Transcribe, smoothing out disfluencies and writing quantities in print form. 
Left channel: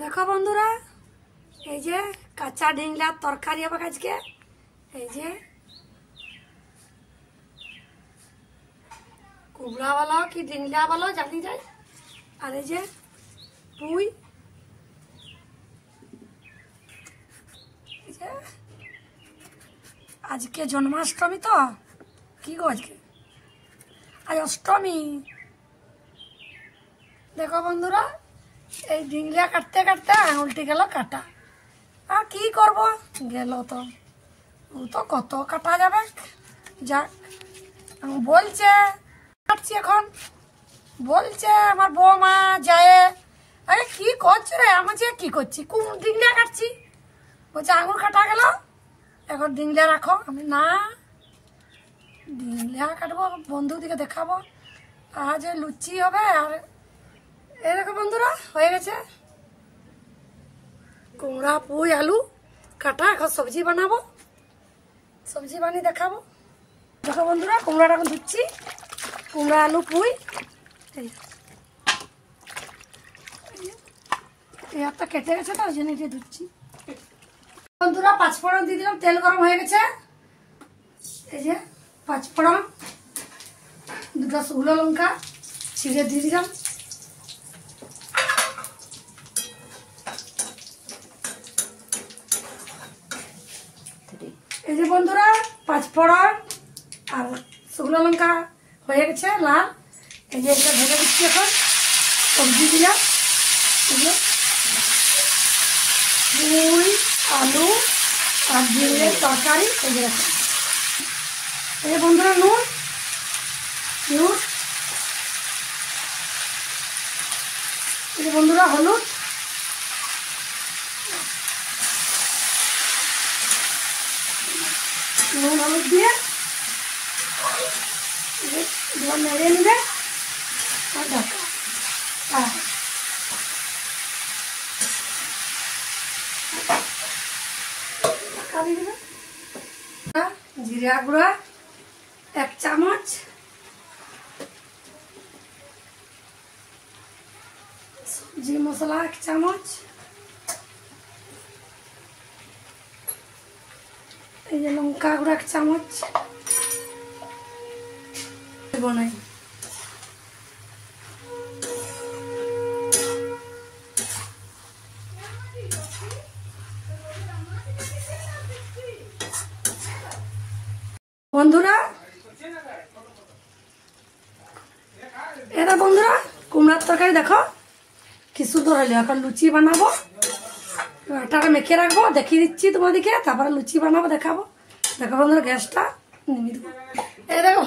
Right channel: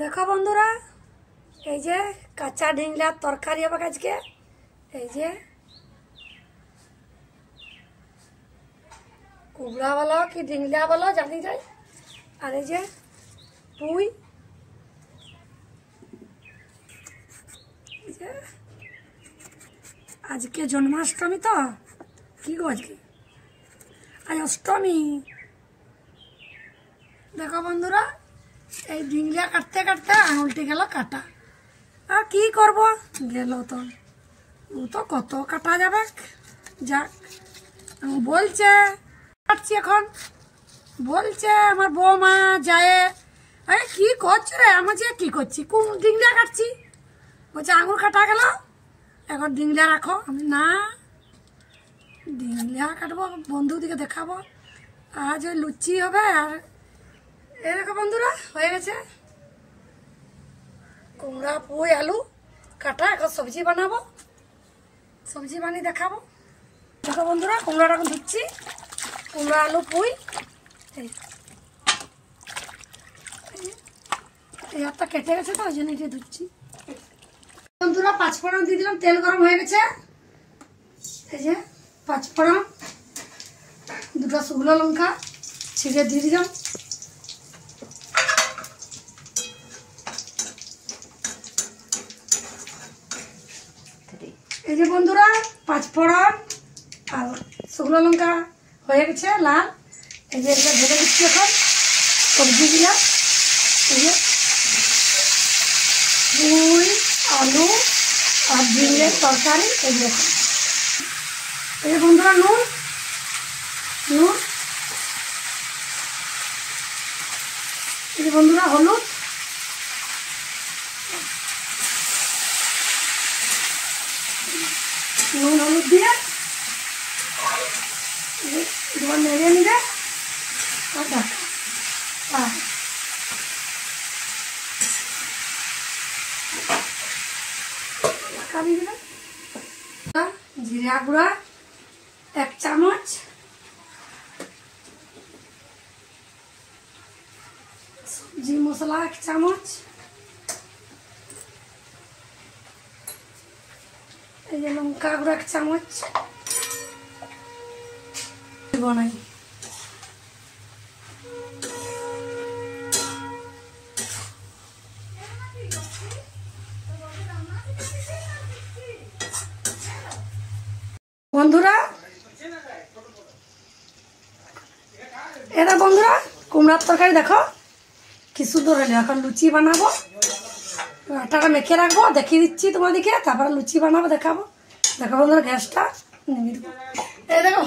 देखो बंधुरा এই যে কাঁচা ডিংলার তরকারি হবে আজকে। এই যে কুবড়া বলো কি ডিংলা বলো জানি যাই। আর এই যে পুঁই, এই যে আজকে জন্মাষ্টমী তো কি গো আজকে আজ অষ্টমী। দেখো বন্ধুরা এই ডিংলা কাটতে কাটতে আঙুলটি গেল কাটা। আর কি করব, গেল তো ও তো কত কাটা যাবে। যাক বলছে কাটছি এখন, বলছে আমার বৌমা যায় আরে কি করছো রে, আমার যে কি করছি কোন ডিংলা কাটছি, বলছে আঙুল কাটা গেল এখন ডিংলা রাখো। আমি না ডিংলা কাটবো, বন্ধুদিকে দেখাবো আজ লুচি হবে। আর এই দেখো বন্ধুরা হয়ে গেছে কুমড়া পুঁই আলু কাটা, এখন সবজি বানাবো, সবজি বানিয়ে দেখাবো। দেখো বন্ধুরা কুমড়াটা এখন ধুচ্ছি, কুমড়া আলু পুঁই। এই হাতটা কেটে গেছে তার জন্য এটা ধুচ্ছি। বন্ধুরা পাঁচফোড়ন দিয়ে দিলাম, তেল গরম হয়ে গেছে। এই যে পাঁচফোড়ন, দুটো শুকনো লঙ্কা ছিঁড়ে দিয়ে দিলাম। এই যে বন্ধুরা পাঁচফোড়ন আর শুকনো লঙ্কা হয়ে গেছে লাল। এই যে এটা ভেজে দিচ্ছি এখন সবজি দিলাম। এই যে পুঁই আলু আর ডিমের তরকারি। এই যে এই যে বন্ধুরা নুন নুন, এই যে বন্ধুরা হলুদ, নুন হলুদ দিয়ে দুবার নেড়ে নিবে আর ঢাকা। ঢাকা দিয়ে দিবে। জিরা গুঁড়া 1 চামচ, সবজি মশলা 1 চামচ, এই যে লঙ্কা গুঁড়া 1 চামচ বনাই। বন্ধুরা এটা বন্ধুরা কুমড়ার তরকারি দেখো কি সুন্দর হলো। এখন লুচি বানাবো, আটাটা মেখে রাখবো, দেখিয়ে দিচ্ছি তোমাদেরকে, তারপরে লুচি বানাবো দেখাবো। দেখো বন্ধুরা গ্যাসটা নিভিয়ে দেবো। এই দেখো